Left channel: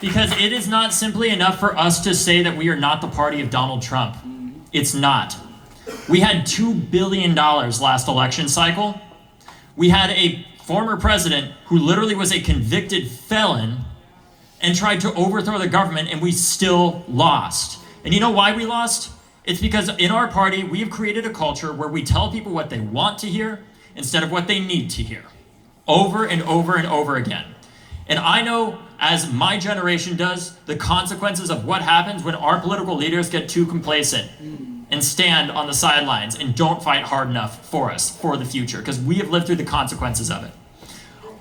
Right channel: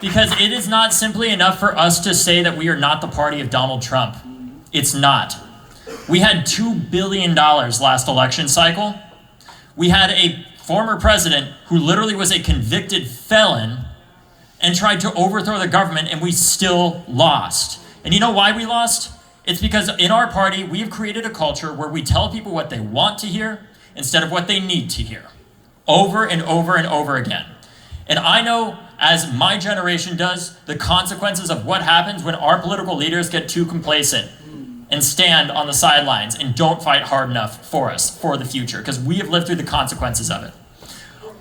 Because it is not simply enough for us to say that we are not the party of Donald Trump. It's not. We had $2 billion last election cycle. We had a former president who literally was a convicted felon and tried to overthrow the government, and we still lost. And you know why we lost? It's because in our party, we've created a culture where we tell people what they want to hear instead of what they need to hear, over and over and over again. And I know, as my generation does, the consequences of what happens when our political leaders get too complacent and stand on the sidelines and don't fight hard enough for us, for the future, because we have lived through the consequences of it.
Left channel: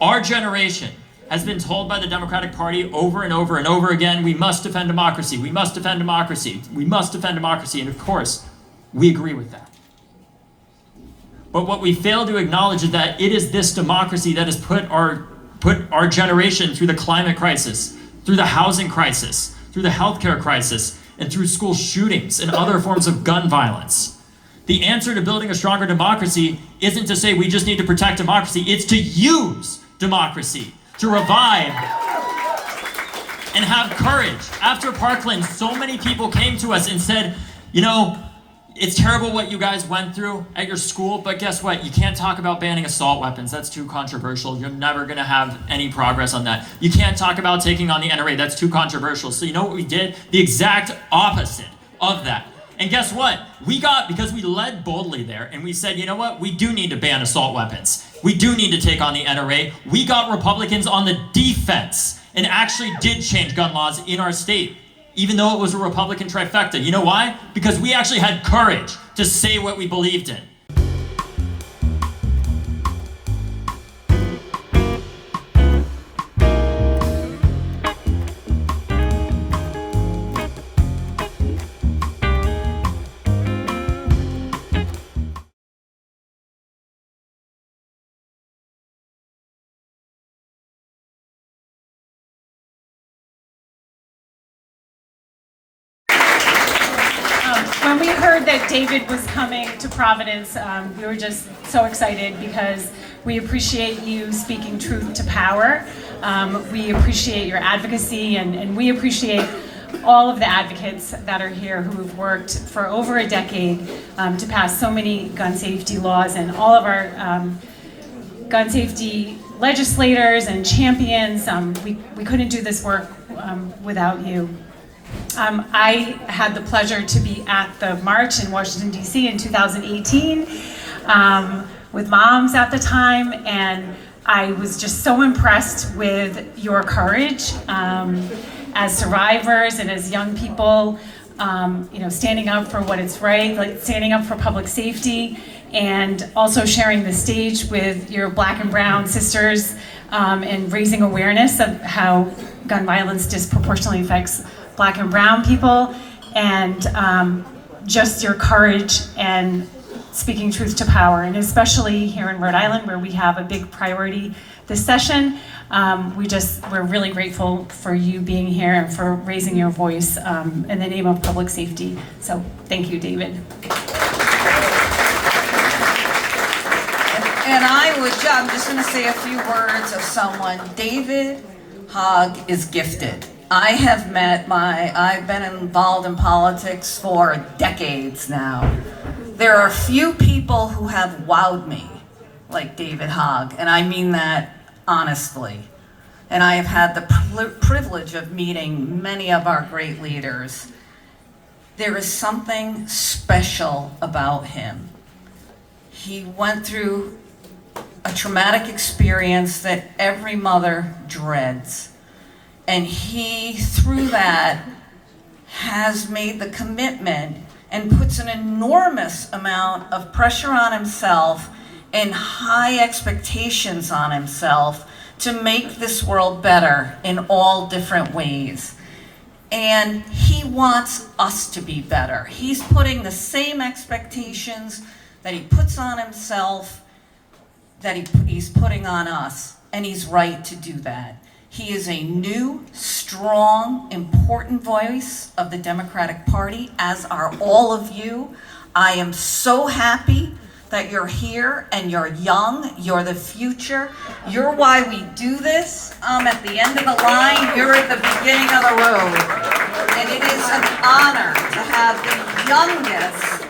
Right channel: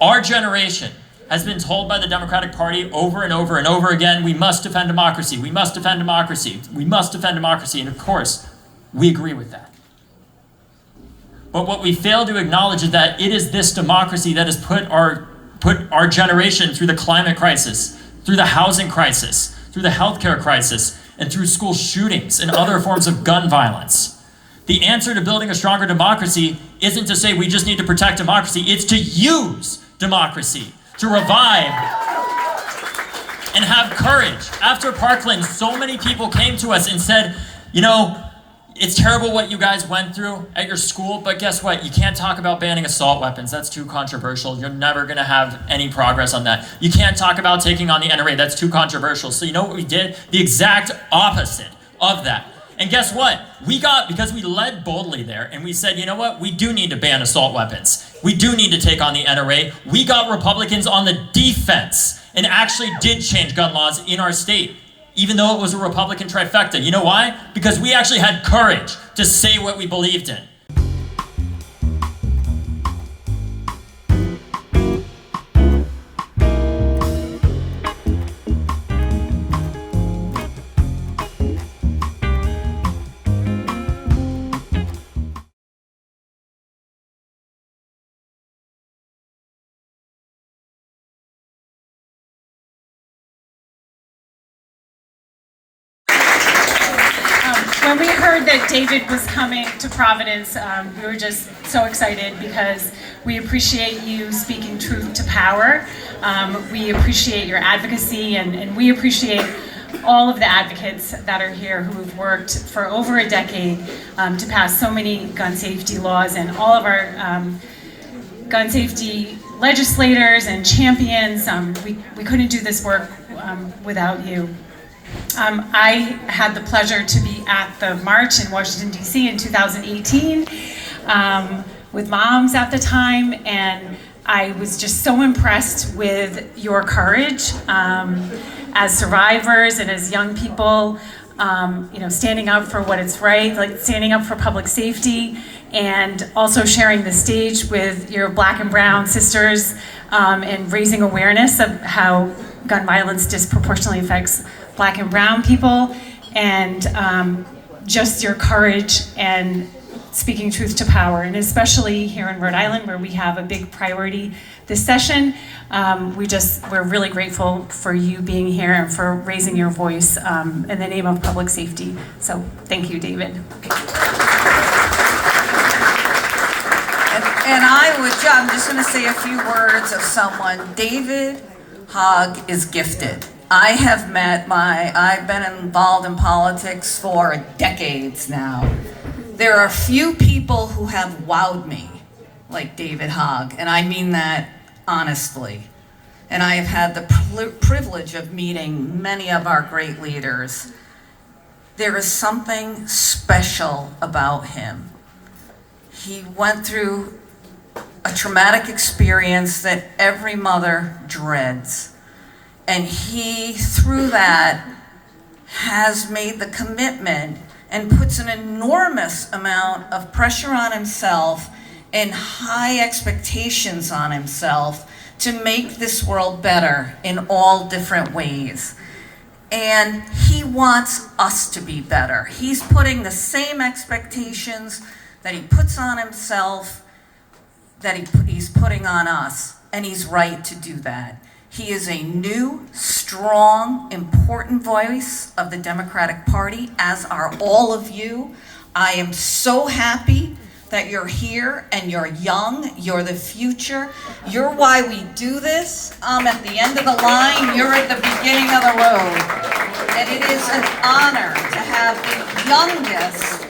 Our generation has been told by the Democratic Party over and over and over again, we must defend democracy, we must defend democracy, we must defend democracy, and of course, we agree with that. But what we fail to acknowledge is that it is this democracy that has put our generation through the climate crisis, through the housing crisis, through the healthcare crisis, and through school shootings and other forms of gun violence. The answer to building a stronger democracy isn't to say we just need to protect democracy, it's to use democracy, to revive and have courage. After Parkland, so many people came to us and said, you know, it's terrible what you guys went through at your school, but guess what? You can't talk about banning assault weapons. That's too controversial. You're never going to have any progress on that. You can't talk about taking on the NRA. That's too controversial. So you know what we did? The exact opposite of that. And guess what? Because we led boldly there, and we said, you know what? We do need to ban assault weapons. We do need to take on the NRA. We got Republicans on the defense and actually did change gun laws in our state, even though it was a Republican trifecta. You know why? Because we actually had courage to say what we believed in. When we heard that David was coming to Providence, we were just so excited because we appreciate you speaking truth to power. We appreciate your advocacy, and we appreciate all of the advocates that are here who have worked for over a decade to pass so many gun safety laws, and all of our gun safety legislators and champions. We couldn't do this work without you. I had the pleasure to be at the march in Washington, D.C. in 2018 with moms at the time, and I was just so impressed with your courage as survivors and as young people, standing up for what is right, like standing up for public safety, and also sharing the stage with your Black and brown sisters and raising awareness of how gun violence disproportionately affects Black and brown people, and just your courage and speaking truth to power, and especially here in Rhode Island where we have a big priority this session. We're really grateful for you being here and for raising your voice in the name of public safety. So thank you, David. And I'm just going to say a few words of someone. David Hogg is gifted. I've been involved in politics for decades now. There are few people who have wowed me like David Hogg, and I mean that honestly. And I have had the privilege of meeting many of our great leaders. There is something special about him. He went through a traumatic experience that every mother dreads. And he, through that, has made the commitment and puts an enormous amount of pressure on himself and high expectations on himself to make this world better in all different ways. And he wants us to be better. He's putting the same expectations that he puts on himself that he's putting on us, and he's right to do that. He is a new, strong, important voice of the Democratic Party, as are all of you. I am so happy that you're here and you're young, you're the future. You're why we do this. I'm at the end of the line, you're at the beginning. beginning of the road. And it is an honor to have the youngest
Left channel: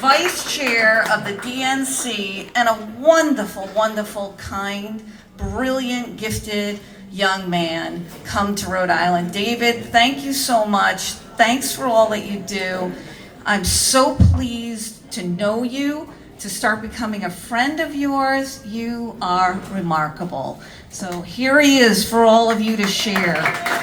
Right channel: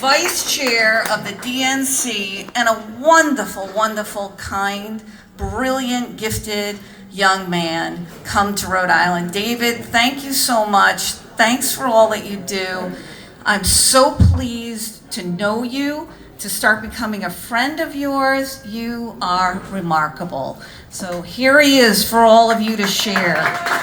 vice chair of the DNC and a wonderful, wonderful, kind, brilliant, gifted young man come to Rhode Island. David, thank you so much. Thanks for all that you do. I'm so pleased to know you, to start becoming a friend of yours. You are remarkable. So here he is for all of you to share.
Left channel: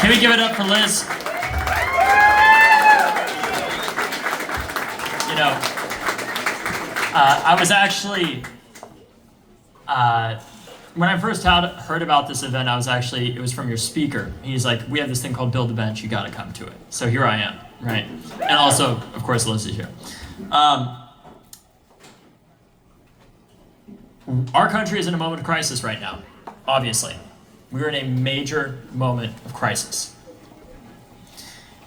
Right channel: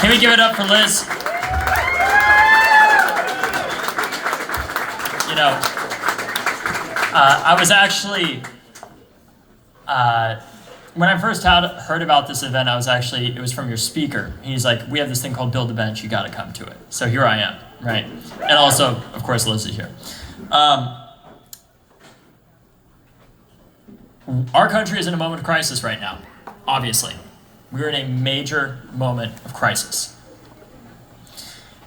Can we give it up for Liz? You know, I was actually, when I first heard about this event, it was from your speaker. He's like, we have this thing called Build a Bench, you gotta come to it. So here I am, right? And also, of course, Liz is here. Our country is in a moment of crisis right now, obviously. We're in a major moment of crisis.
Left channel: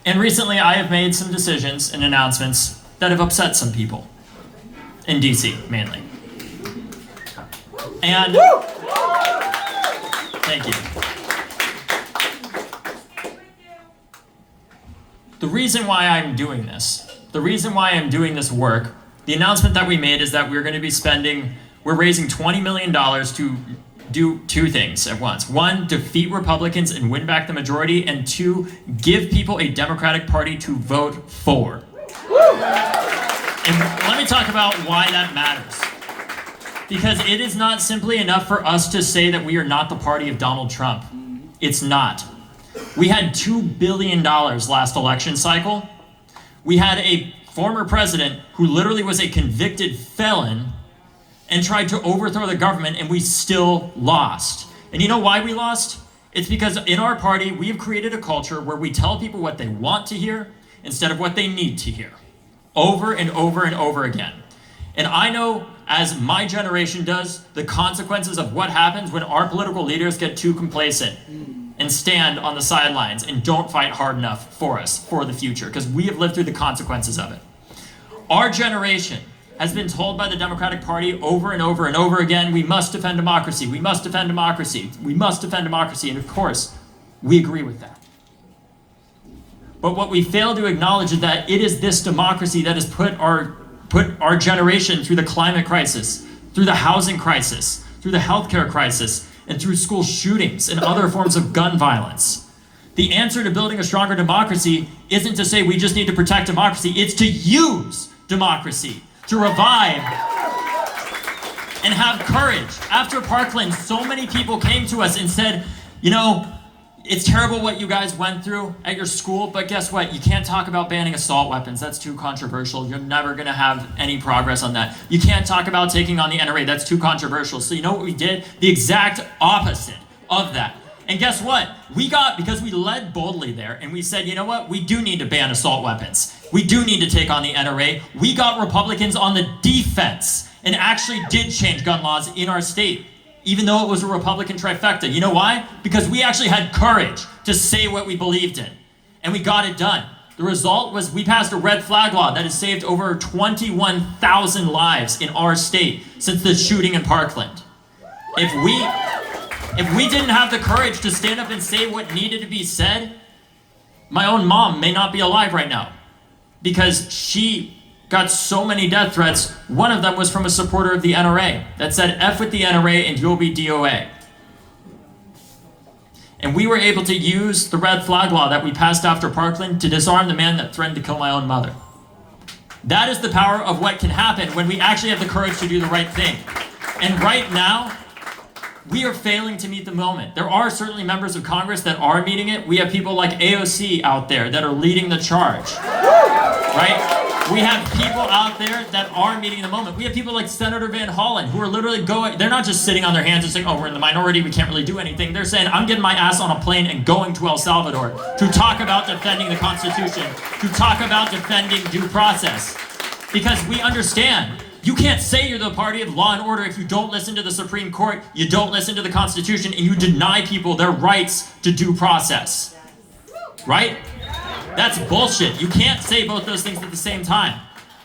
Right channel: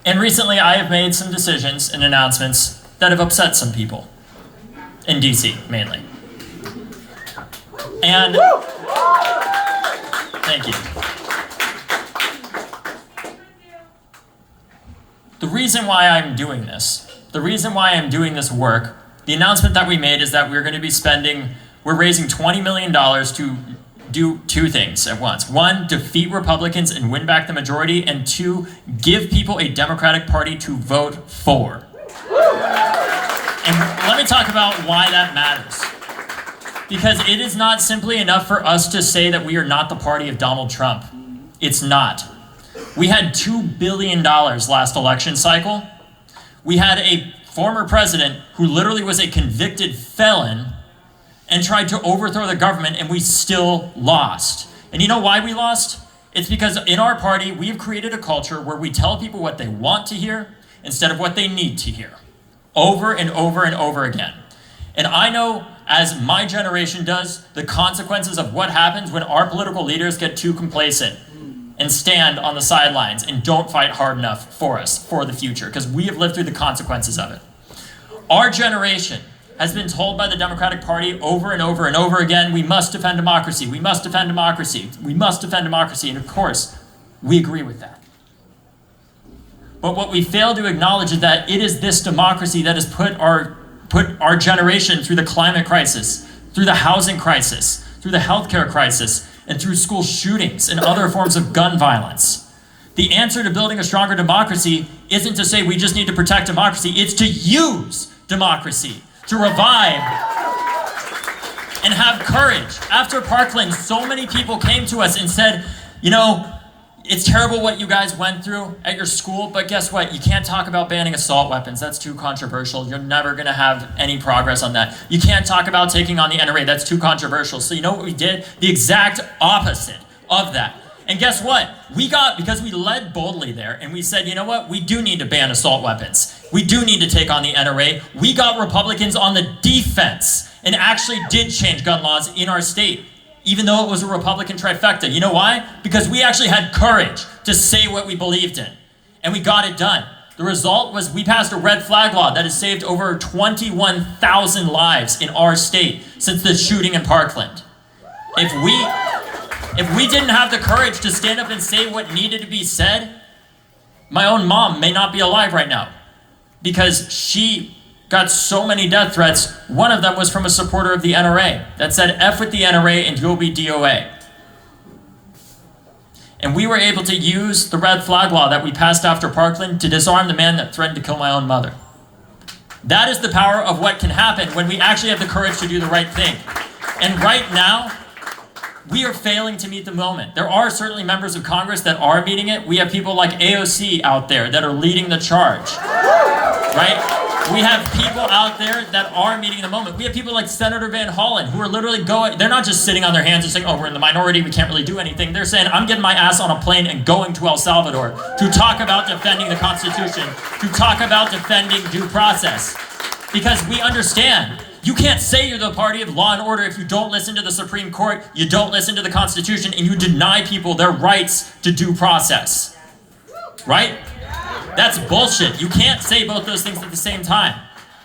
And recently I have made some decisions and announcements that have upset some people. In DC, mainly. And thank you. The reason why I'm doing this, work, the announcement that we made is that we're raising $20 million to do two things at once. One, defeat Republicans and win back the majority, and two, give people a Democratic Party to vote for. And let me talk about why that matters. Because it is not simply enough for us to say that we are not the party of Donald Trump. It's not. We had $2 billion last election cycle. We had a former president who literally was a convicted felon and tried to overthrow the government, and we still lost. And you know why we lost? It's because in our party, we've created a culture where we tell people what they want to hear instead of what they need to hear, over and over and over again. And I know, as my generation does, the consequences of what happens when our political leaders get too complacent and stand on the sidelines and don't fight hard enough for us, for the future, because we have lived through the consequences of it. Our generation has been told by the Democratic Party over and over and over again, we must defend democracy, we must defend democracy, we must defend democracy, and of course, we agree with that. But what we fail to acknowledge is that it is this democracy that has put our generation through the climate crisis, through the housing crisis, through the healthcare crisis, and through school shootings and other forms of gun violence. The answer to building a stronger democracy isn't to say we just need to protect democracy, it's to use democracy, to revive and have courage. After Parkland, so many people came to us and said, you know, it's terrible what you guys went through at your school, but guess what? You can't talk about banning assault weapons. That's too controversial. You're never going to have any progress on that. You can't talk about taking on the NRA. That's too controversial. So you know what we did? The exact opposite of that. And guess what? Because we led boldly there, and we said, you know what? We do need to ban assault weapons. We do need to take on the NRA. We got Republicans on the defense and actually did change gun laws in our state, even though it was a Republican trifecta. You know why? Because we actually had courage to say what we believed in, and we got it done. The result was we passed a red flag law that has saved over 21,000 lives in our state since the shooting in Parkland. If we didn't have the courage to stand up and say what needed to be said, my own mom may not be alive right now because she got so many death threats. One of them was from a supporter of the NRA that said, F with the NRA and go be DOA. And we were able to use the red flag law that we passed after Parkland to disarm the man that threatened to kill my own mother. That is the power of what can happen when we actually have the courage to do the right thing. And right now, we are failing to meet the moment. There are certainly members of Congress that are meeting it. We have people like AOC out there that are leading the charge, right? We have people out there that are meeting the moment. We have people like Senator Van Hollen who are literally they're not just sitting on their hands and saying, oh, we're in the minority, we can't really do anything. They're saying, I'm getting my ass on a plane and going to El Salvador to talk about defending the Constitution, to talk about defending due process. Because we understand, you can't say you're the party of law and order if you don't listen to the Supreme Court, you don't listen to the Constitution, and you deny people their rights to due process. Right? That's bullshit. You can't say both those things at the same time.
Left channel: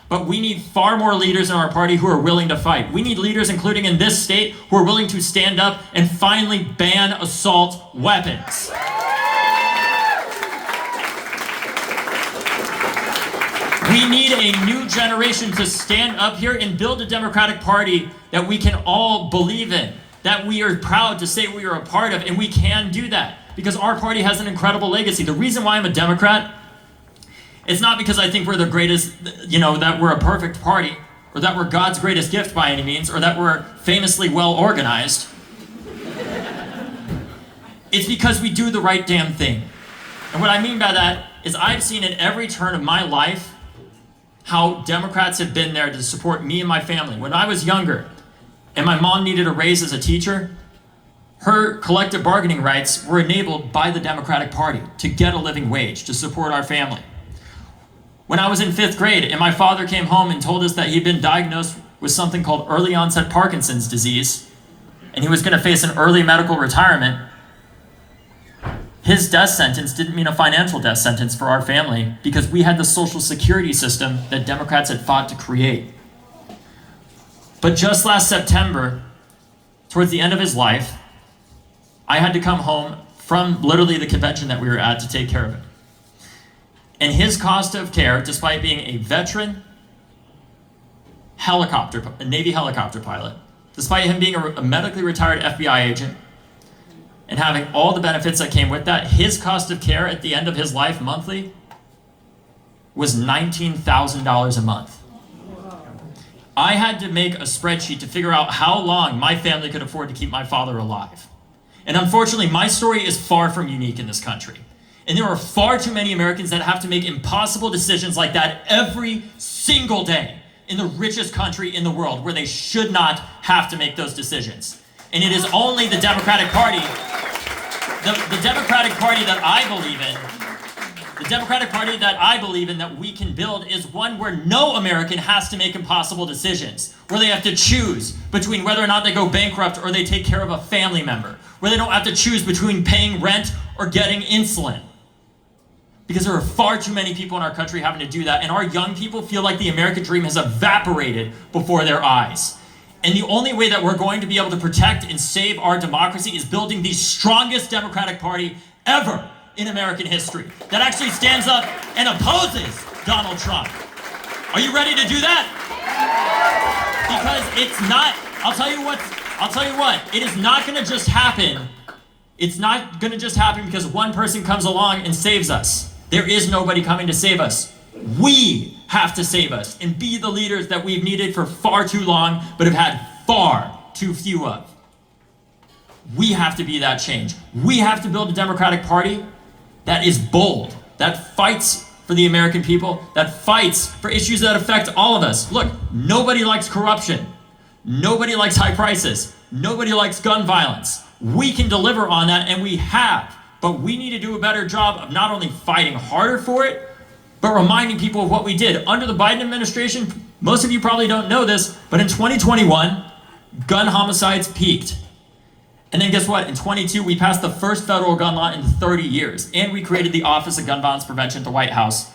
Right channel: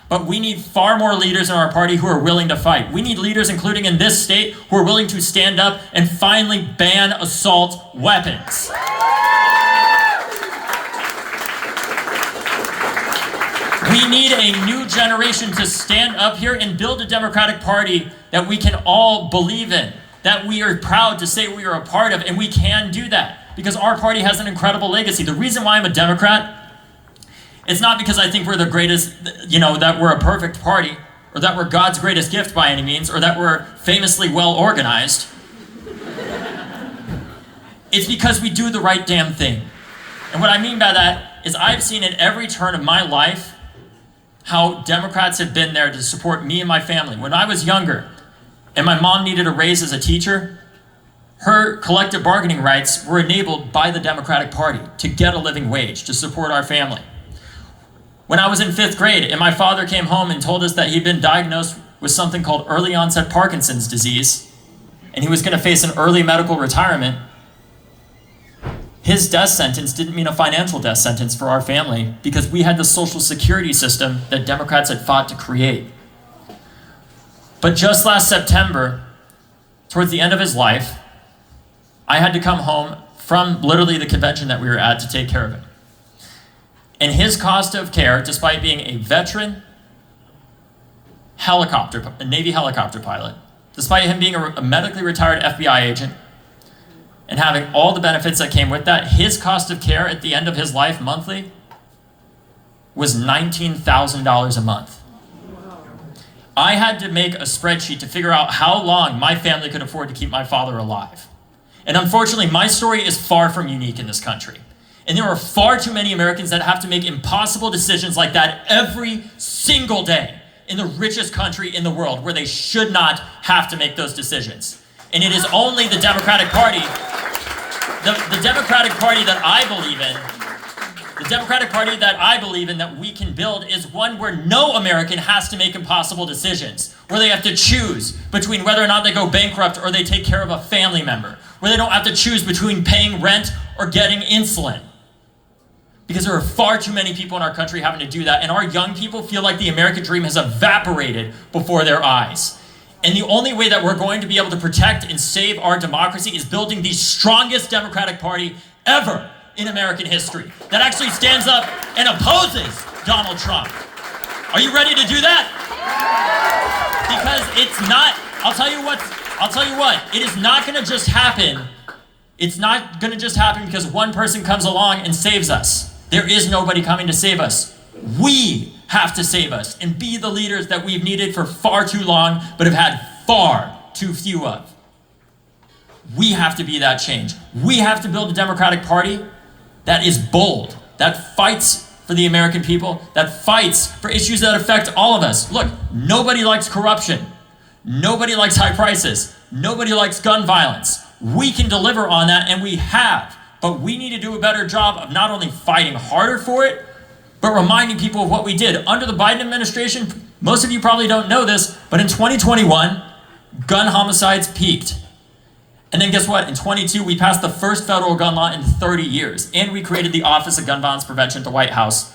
But we need far more leaders in our party who are willing to fight. We need leaders, including in this state, who are willing to stand up and finally ban assault weapons. We need a new generation to stand up here and build a Democratic Party that we can all believe in, that we are proud to say we are a part of, and we can do that because our party has an incredible legacy. The reason why I'm a Democrat, it's not because I think we're the greatest, that we're a perfect party, or that we're God's greatest gift by any means, or that we're famously well organized. It's because we do the right damn thing. And what I mean by that is I've seen at every turn of my life how Democrats have been there to support me and my family. When I was younger and my mom needed a raise as a teacher, her collective bargaining rights were enabled by the Democratic Party to get a living wage to support our family. When I was in 5th grade and my father came home and told us that he'd been diagnosed with something called early onset Parkinson's disease and he was going to face an early medical retirement, his death sentence didn't mean a financial death sentence for our family because we had the Social Security system that Democrats had fought to create. But just last September, towards the end of his life, I had to come home from literally the convention that we were at to take care of him. And his cost of care, despite being a veteran a Navy helicopter pilot, despite him being a medically retired FBI agent, and having all the benefits that came with that, his cost of care at the end of his life monthly was $19,000 a month. I had to make a spreadsheet to figure out how long my family could afford to keep my father alive. And unfortunately, my story is far from unique in this country. And there are far too many Americans that have to make impossible decisions like that every single day in the richest country in the world where they should not have to make those decisions. And it is only the Democratic Party, the Democratic Party that I believe in, the Democratic Party that I believe in that we can build is one where no American has to make impossible decisions, where they have to choose between whether or not they go bankrupt or they take care of a family member, where they don't have to choose between paying rent or getting insulin. Because there are far too many people in our country having to do that, and our young people feel like the American dream has evaporated before their eyes. And the only way that we're going to be able to protect and save our democracy is building the strongest Democratic Party ever in American history that actually stands up and opposes Donald Trump. Are you ready to do that? Because it's not, I'll tell you what, it is not going to just happen. It's not going to just happen because one person comes along and saves us. There is nobody coming to save us. We have to save us and be the leaders that we've needed for far too long, but have had far too few of. We have to be that change. We have to build a Democratic Party that is bold, that fights for the American people, that fights for issues that affect all of us. Look, nobody likes corruption. Nobody likes high prices. Nobody likes gun violence. We can deliver on that, and we have. But we need to do a better job of not only fighting harder for it, but reminding people of what we did. Under the Biden administration, most of you probably don't know this, but in 2021, gun homicides peaked. And then guess what? In 22, we passed the first federal gun law in 30 years, and we created the Office of Gun Violence Prevention at the White House.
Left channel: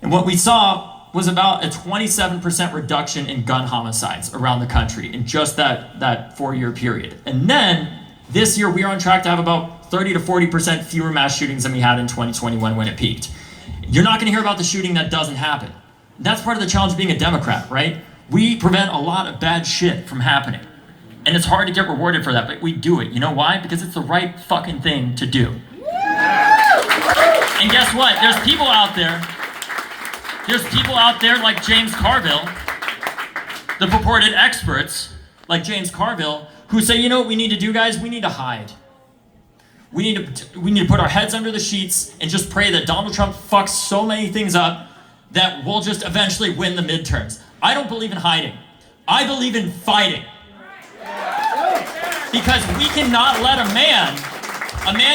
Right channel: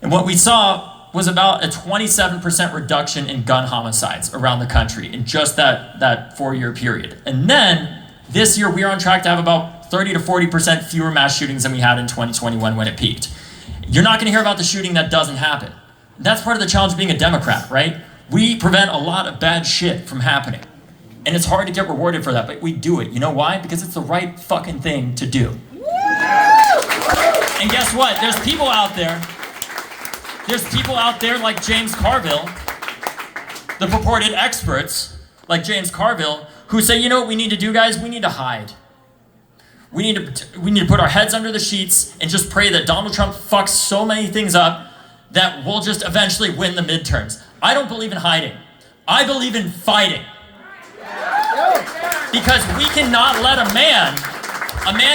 And what we saw was about a 27% reduction in gun homicides around the country in just that 4-year period. And then this year, we are on track to have about 30 to 40% fewer mass shootings than we had in 2021 when it peaked. You're not going to hear about the shooting that doesn't happen. That's part of the challenge of being a Democrat, right? We prevent a lot of bad shit from happening. And it's hard to get rewarded for that, but we do it. You know why? Because it's the right fucking thing to do. And guess what? There's people out there like James Carville, the purported experts like James Carville, who say, you know what we need to do, guys? We need to hide. We need to put our heads under the sheets and just pray that Donald Trump fucks so many things up that we'll just eventually win the midterms. I don't believe in hiding. I believe in fighting. Because we cannot let a man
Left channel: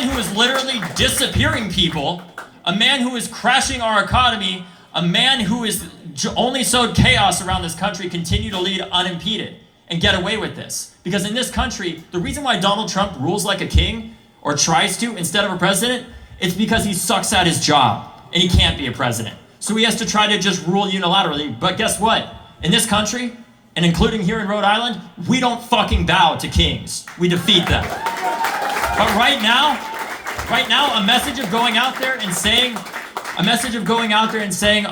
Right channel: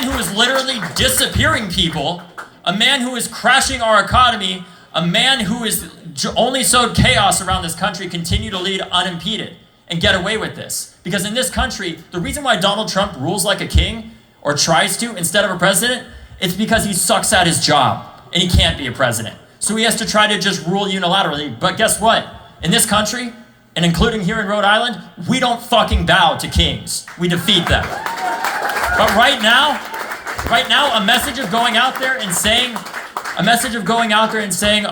who is literally disappearing people, a man who is crashing our economy, a man who is only sowed chaos around this country continue to lead unimpeded and get away with this. Because in this country, the reason why Donald Trump rules like a king, or tries to, instead of a president, it's because he sucks at his job, and he can't be a president. So he has to try to just rule unilaterally. But guess what? In this country, and including here in Rhode Island, we don't fucking bow to kings. We defeat them. But right now, a message of going out there and saying,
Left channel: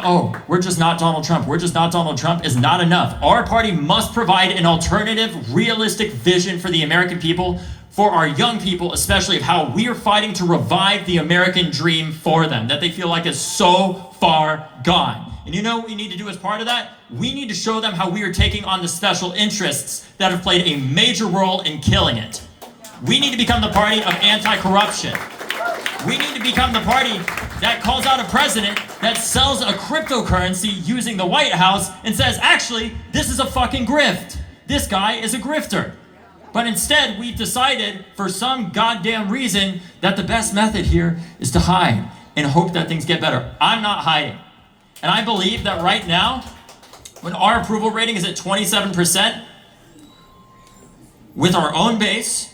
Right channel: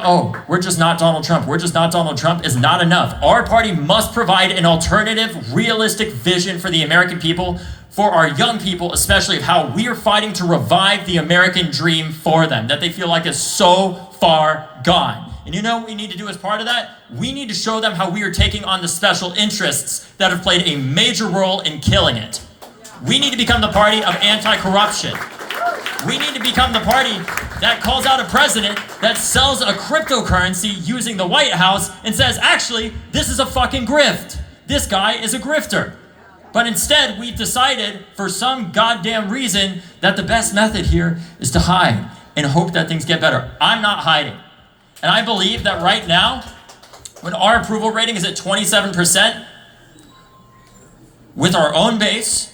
oh, we're just not Donald Trump, is not enough. Our party must provide an alternative, realistic vision for the American people, for our young people, especially of how we are fighting to revive the American dream for them, that they feel like is so far gone. And you know what we need to do as part of that? We need to show them how we are taking on the special interests that have played a major role in killing it. We need to become the party of anti-corruption. We need to become the party that calls out a president that sells a cryptocurrency using the White House and says, actually, this is a fucking grift. This guy is a grifter. But instead, we've decided, for some goddamn reason, that the best method here is to hide and hope that things get better. I'm not hiding. And I believe that right now, when our approval rating is at 27%, with our own base,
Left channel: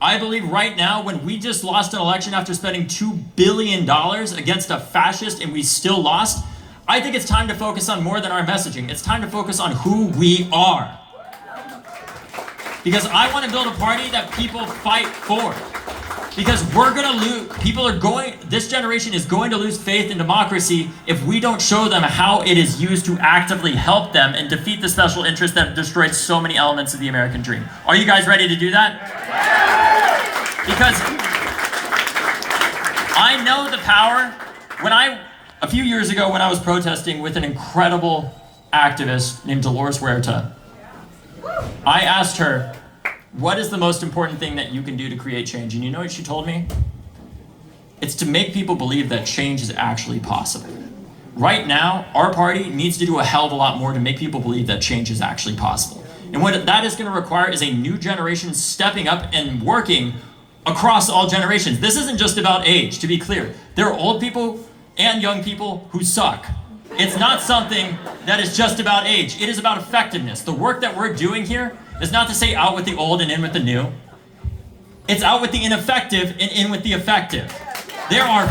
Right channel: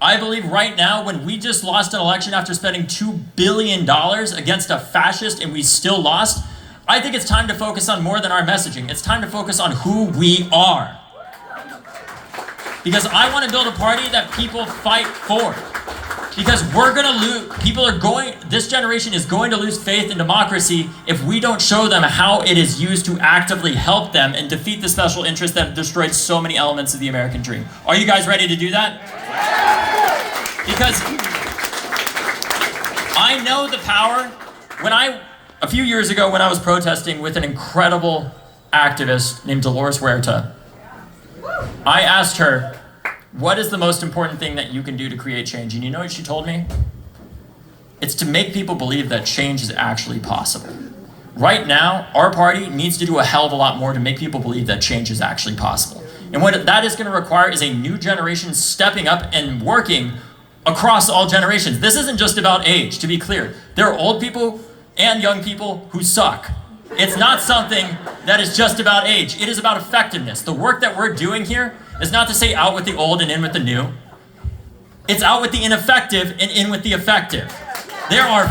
I believe right now, when we just lost an election after spending $2 billion against a fascist and we still lost, I think it's time to focus on more than our messaging. It's time to focus on who we are. Because I want to build a party that people fight for. Because this generation is going to lose faith in democracy if we don't show them how it is used to actively help them and defeat the special interest that destroyed so many elements of the American dream. Are you guys ready to do that? Because I know the power. A few years ago when I was protesting with an incredible activist named Dolores Huerta, I asked her, what is the most important thing that you can do to create change? And you know what she told me? It's to make people believe that change is actually possible. Right now, our party needs to do a hell of a lot more to make people believe that change is actually possible. And what that is going to require is a new generation stepping up and working across all generations. This isn't just about age, to be clear. There are old people and young people who suck. It's not something that is just about age. It is about effectiveness. The work that we're doing here is not to say out with the old and in with the new. It's out with the ineffective and in with the effective. There are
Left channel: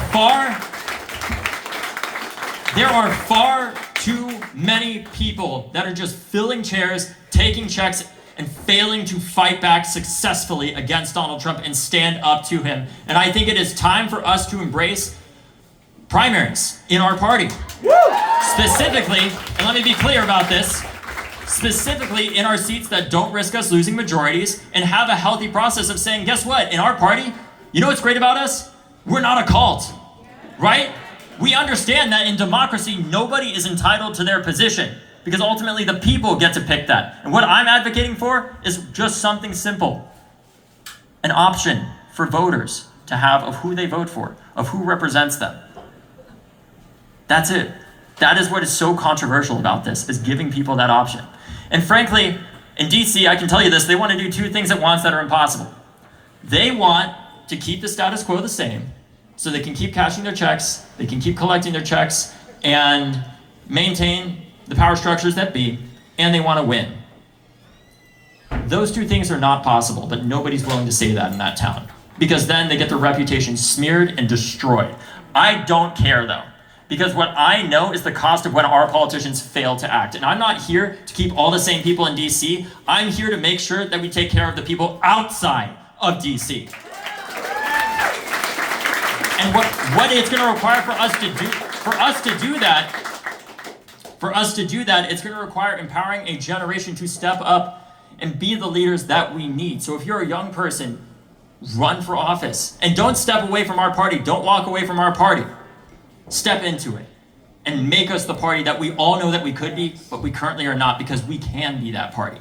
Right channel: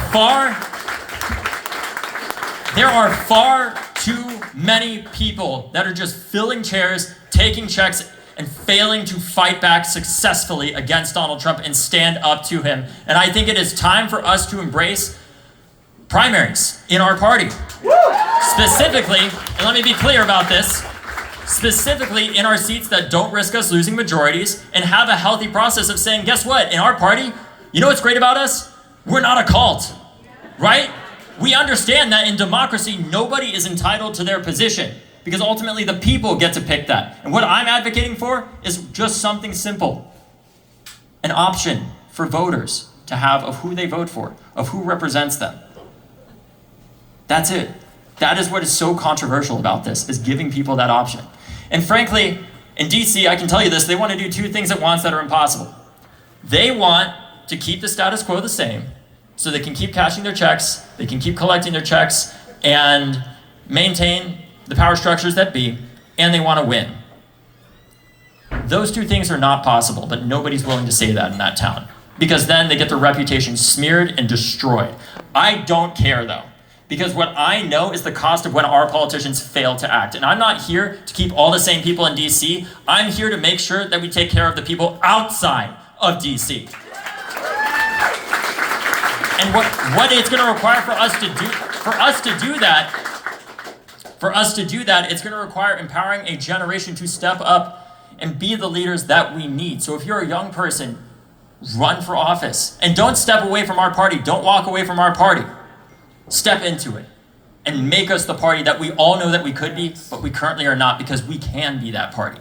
far too many people that are just filling chairs, taking checks, and failing to fight back successfully against Donald Trump and stand up to him. And I think it is time for us to embrace primaries in our party. Specifically, and let me be clear about this, specifically in our seats that don't risk us losing majorities, and have a healthy process of saying, guess what, in our party, you know what's great about us? We're not a cult, right? We understand that in democracy, nobody is entitled to their position, because ultimately the people get to pick that. And what I'm advocating for is just something simple. An option for voters to have of who they vote for, of who represents them. That's it. That is what is so controversial about this, is giving people that option. And frankly, in DC, I can tell you this, they want to do two things at once that are impossible. They want to keep the status quo the same, so they can keep cashing their checks, they can keep collecting their checks, and maintain the power structures that be, and they want to win. Those two things are not possible, but nobody's willing to say that in that town, because then they get their reputation smeared and destroyed. I don't care, though. Because what I know is the cost of when our politicians fail to act. And I'm not here to keep all the same people in DC. I'm here to make sure that we take care of the people outside of DC. And what it's going to require for us to do that, it's going to require empowering a generation to step up and be the leaders that we need. So if you're a young person, run for office. And don't step away from our party. Don't walk away from our party. Step into it and make us the party that we all know that we could be, but we currently are not, because we can be that party.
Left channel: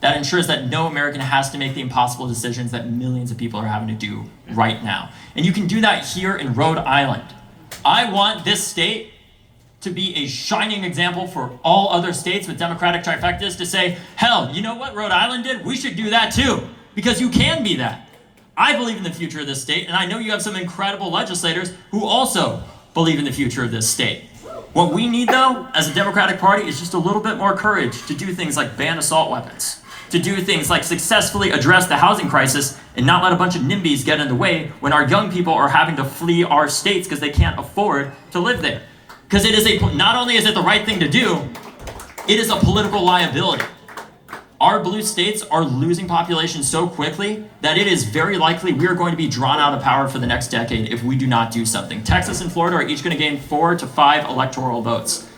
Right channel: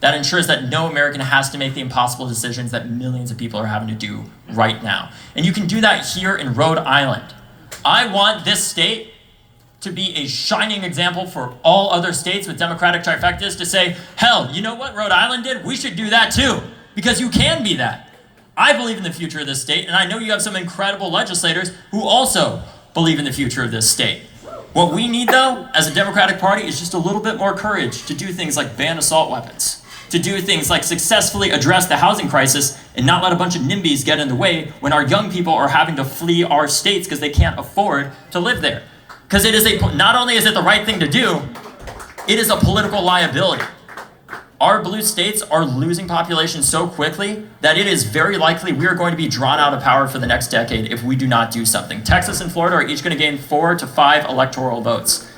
That ensures that no American has to make the impossible decisions that millions of people are having to do right now. And you can do that here in Rhode Island. I want this state to be a shining example for all other states with Democratic trifectas to say, hell, you know what Rhode Island did? We should do that too, because you can be that. I believe in the future of this state, and I know you have some incredible legislators who also believe in the future of this state. What we need, though, as a Democratic Party, is just a little bit more courage to do things like ban assault weapons, to do things like successfully address the housing crisis and not let a bunch of NIMBYs get in the way when our young people are having to flee our states because they can't afford to live there. Because not only is it the right thing to do, it is a political liability. Our blue states are losing population so quickly that it is very likely we are going to be drawn out of power for the next decade if we do not do something. Texas and Florida are each going to gain 4 to 5 electoral votes.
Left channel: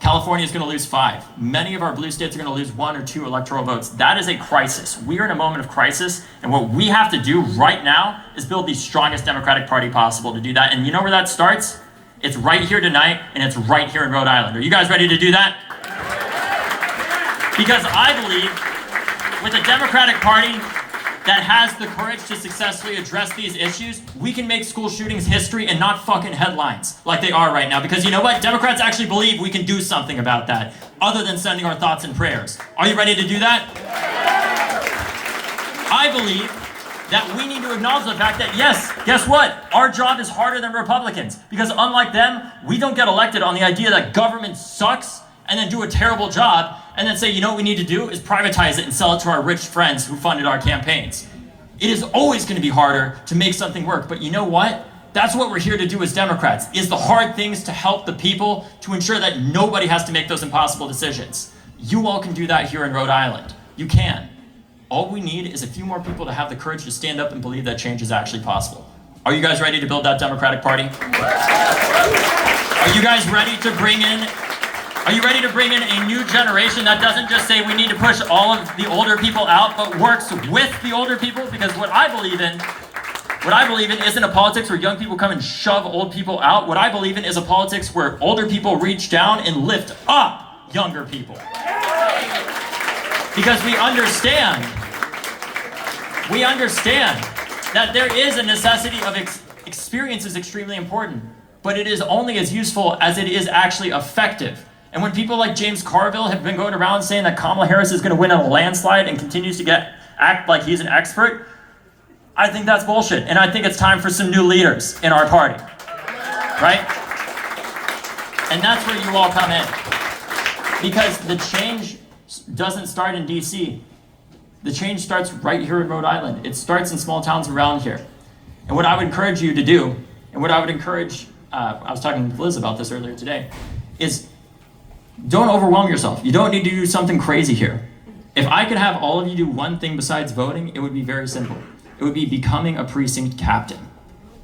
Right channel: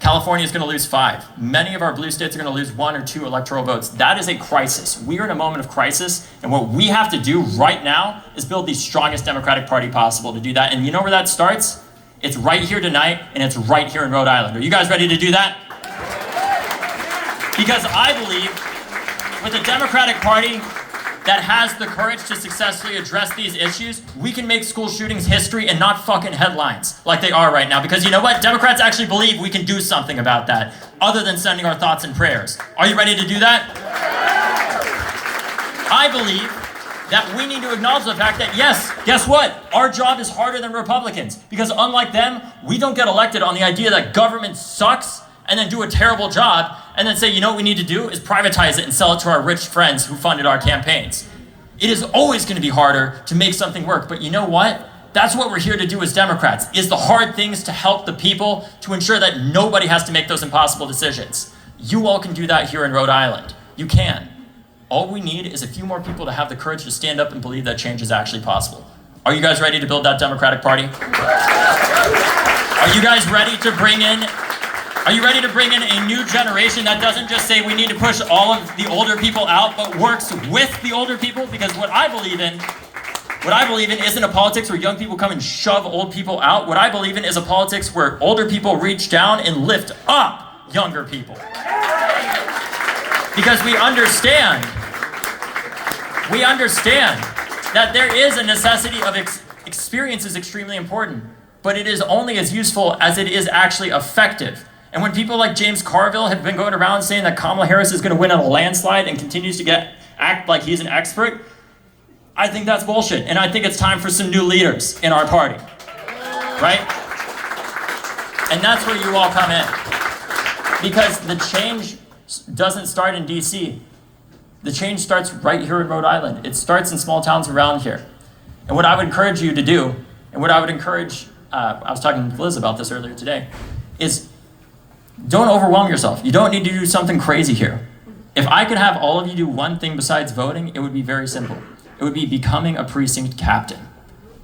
California is going to lose 5. Many of our blue states are going to lose 1 or 2 electoral votes. That is a crisis. We are in a moment of crisis, and what we have to do right now is build the strongest Democratic Party possible to do that. And you know where that starts? It's right here tonight, and it's right here in Rhode Island. Are you guys ready to do that? Because I believe with a Democratic Party that has the courage to successfully address these issues, we can make school shootings history and not fucking headlines like they are right now. Because you know what? Democrats actually believe we can do something about that, other than sending our thoughts and prayers. Are you ready to do that? I believe that we need to acknowledge the fact that, yes, guess what? Our job is harder than Republicans. Because unlike them, we don't get elected on the idea that government sucks and then do a terrible job and then say, you know what we need to do is privatize it and sell it to our rich friends who funded our campaigns. It is always going to be harder to make something work, but you know what? That's what we're here to do as Democrats, is the hard things to help the people, to ensure that nobody has to make those impossible decisions. You all can do that here in Rhode Island. You can. All we need is a few more people to have the courage to stand up and believe that change is actually possible. Are you guys ready to build that Democratic Party? Are you guys ready to bring in a new generation that doesn't just say we need to push all of the older people out, but works with the older people? Because what I believe in isn't a politics where young people come and shove old people out. What I believe in is a politics where older people reach down and lift up younger people. Because we understand that there is a necessity of experience is extremely important, but it is only as useful as it is actually effective. And when people like James Carville have been going around saying that Kamala Harris is going to win in a landslide and continues to act like he's an expert, I think that's bullshit. And I think it's time for some new leaders in our party, right? And that's where you all come in. Because the change doesn't start in DC. The change starts right here in Rhode Island. It starts in small towns around here. And what I would encourage you to do, and what I would encourage, I was talking to Liz about this earlier today, is don't overwhelm yourself. You don't need to do something crazy here. If I could have all of you do one thing besides voting, it would be very simple. It would be becoming a precinct captain.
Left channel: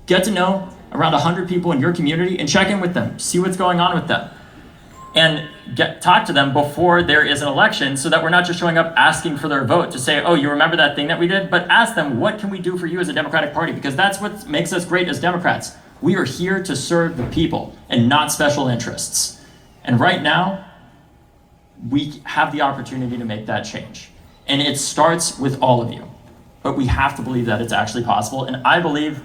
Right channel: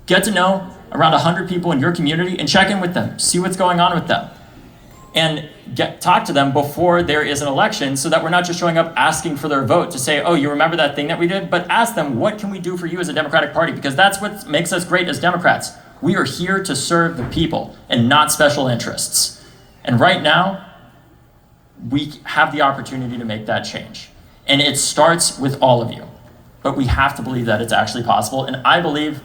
Get to know around 100 people in your community and check in with them. See what's going on with them. And talk to them before there is an election so that we're not just showing up asking for their vote to say, oh, you remember that thing that we did? But ask them, what can we do for you as a Democratic Party? Because that's what makes us great as Democrats. We are here to serve the people and not special interests. And right now, we have the opportunity to make that change. And it starts with all of you. But we have to believe that it's actually possible. And I believe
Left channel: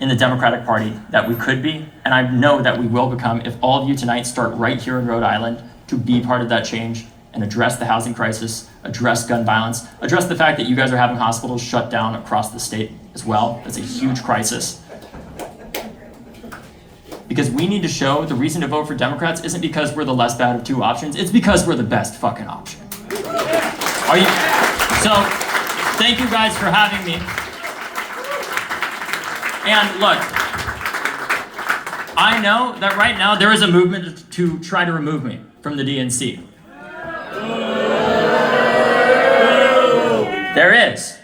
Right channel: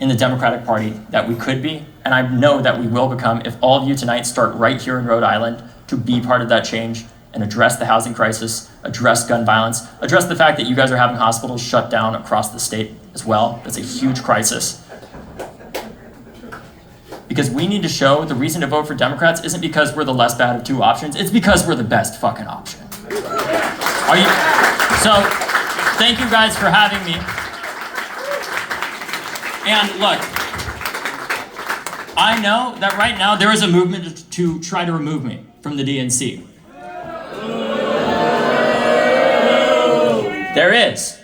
in the Democratic Party that we could be, and I know that we will become, if all of you tonight start right here in Rhode Island to be part of that change and address the housing crisis, address gun violence, address the fact that you guys are having hospitals shut down across the state as well. That's a huge crisis. Because we need to show the reason to vote for Democrats isn't because we're the less bad of two options, it's because we're the best fucking option. So, thank you guys for having me. And look, I know that right now there is a movement to try to remove me from the DNC. There is.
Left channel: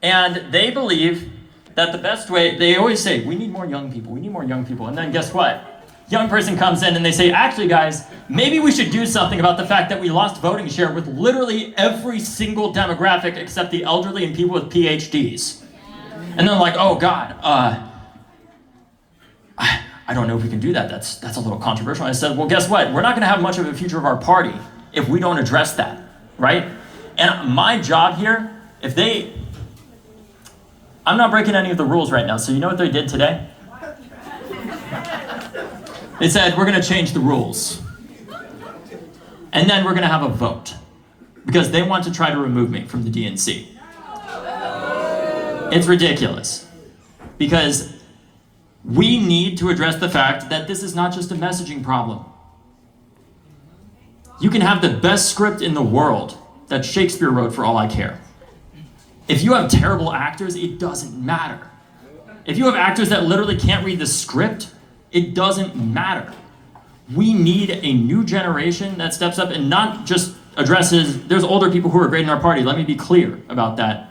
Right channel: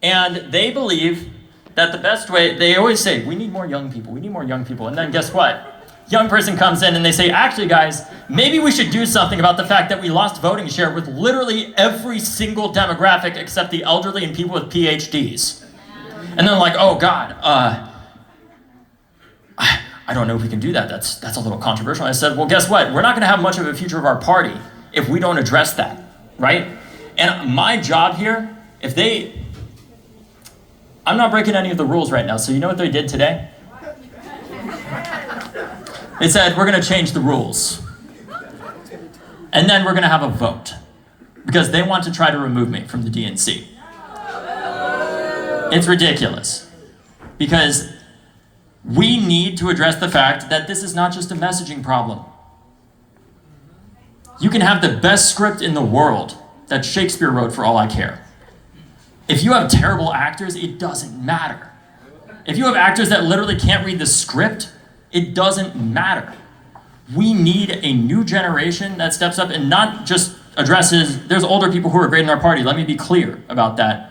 And they believe that the best way, they always say, we need more young people, we need more young people. And then guess what? Young person comes in and they say, actually guys, maybe we should do something about the fact that we lost voting share with literally every single demographic except the elderly and people with PhDs. And they're like, oh God, I don't know if we can do that. That's a little controversial. And I said, well, guess what? We're not gonna have much of a future of our party if we don't address that, right? And my job here, I'm not breaking any of the rules right now, so you know what they did today? They said, we're gonna change the rules. And then we're gonna have a vote. Because they want to try to remove me from the DNC. It's ridiculous. Because we need to address the fact that this is not just a messaging problem. You can have the best script in the world that Shakespeare wrote for all I care. If you have terrible actors, it doesn't matter. If you have actors that literally can't read the script, It doesn't matter. We need a new generation that steps up and not just addresses, there's older people who are great in our party. Let me be clear about that.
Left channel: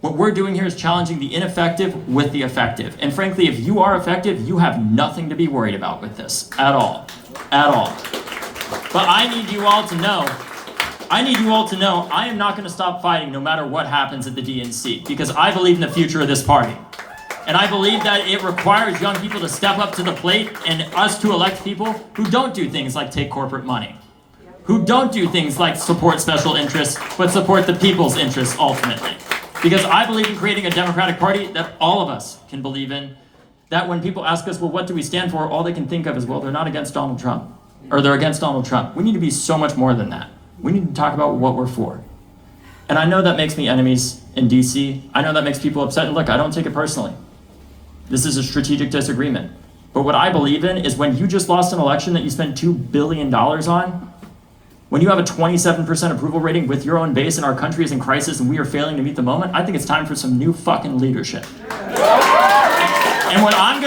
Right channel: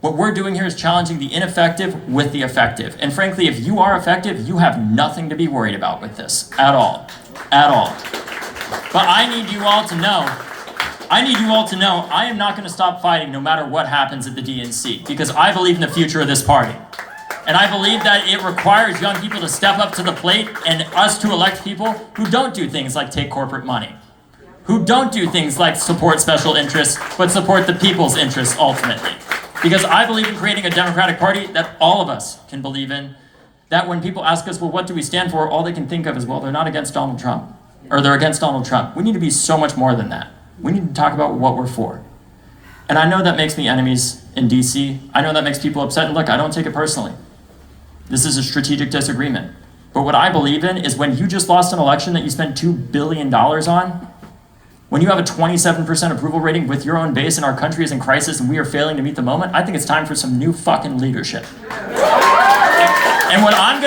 What we're doing here is challenging the ineffective with the effective. And frankly, if you are effective, you have nothing to be worried about with this at all, at all. But I need you all to know I am not going to stop fighting no matter what happens at the DNC, because I believe in the future of this party. And I believe that it requires young people to step up to the plate and us to elect people who don't do things like take corporate money, who don't do things like support special interests, but support the people's interests ultimately. Because I believe in creating a Democratic Party that all of us can believe in, that when people ask us, well, what do we stand for? All they can think of is, well, they're not against Donald Trump, or they're against Donald Trump. We need to be so much more than that. We need to talk about what we're for. And I know that makes me enemies in DC. I know that makes people upset. And look, I don't take it personally. This is a strategic disagreement. But what I believe in is when you just lost an election that you spent $2 billion on, when you have a 27% approval rating with your own base and our country is in crisis and we are failing to meet the moment, I think it's time for some new fucking leadership. And what I'm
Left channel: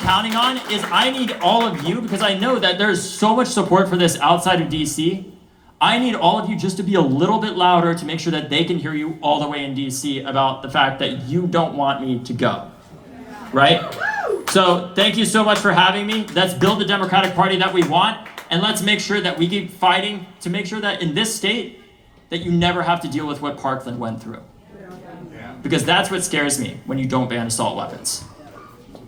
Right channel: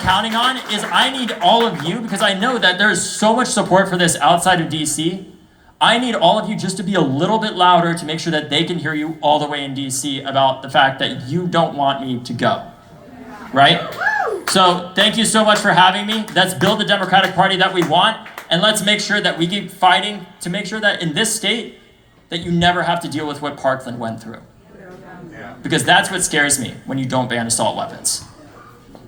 counting on is I need all of you, because I know that there is so much support for this outside of DC. I need all of you just to be a little bit louder to make sure that they can hear you all the way in DC about the fact that you don't want me to go, right? So thank you so much for having me. Let's build the Democratic Party that we want, and let's make sure that we keep fighting to make sure that in this state that you never have to deal with what Parkland went through. Because that's what scares me when you don't ban assault weapons,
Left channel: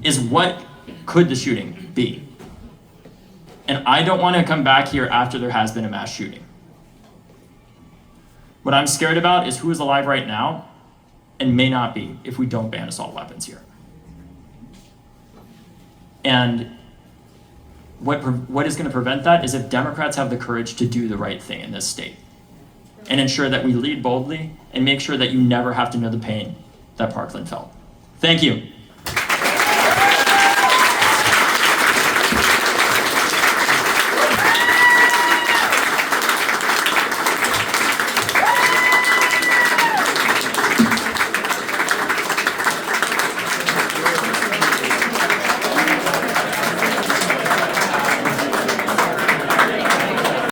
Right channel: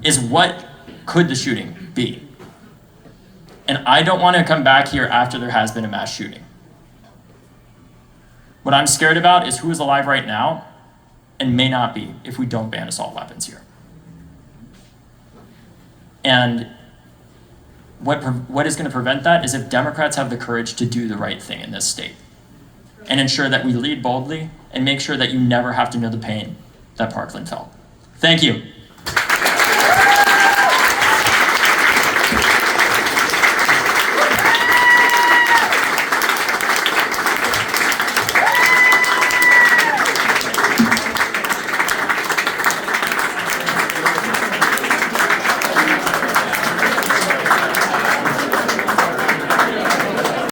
is what could the shooting be? And I don't want to come back here after there has been a mass shooting. What I'm scared about is who is alive right now and may not be if we don't ban assault weapons here. And what is going to prevent that is if Democrats have the courage to do the right thing in this state and ensure that we lead boldly and make sure that you never have to know the pain that Parkland felt. Thank you.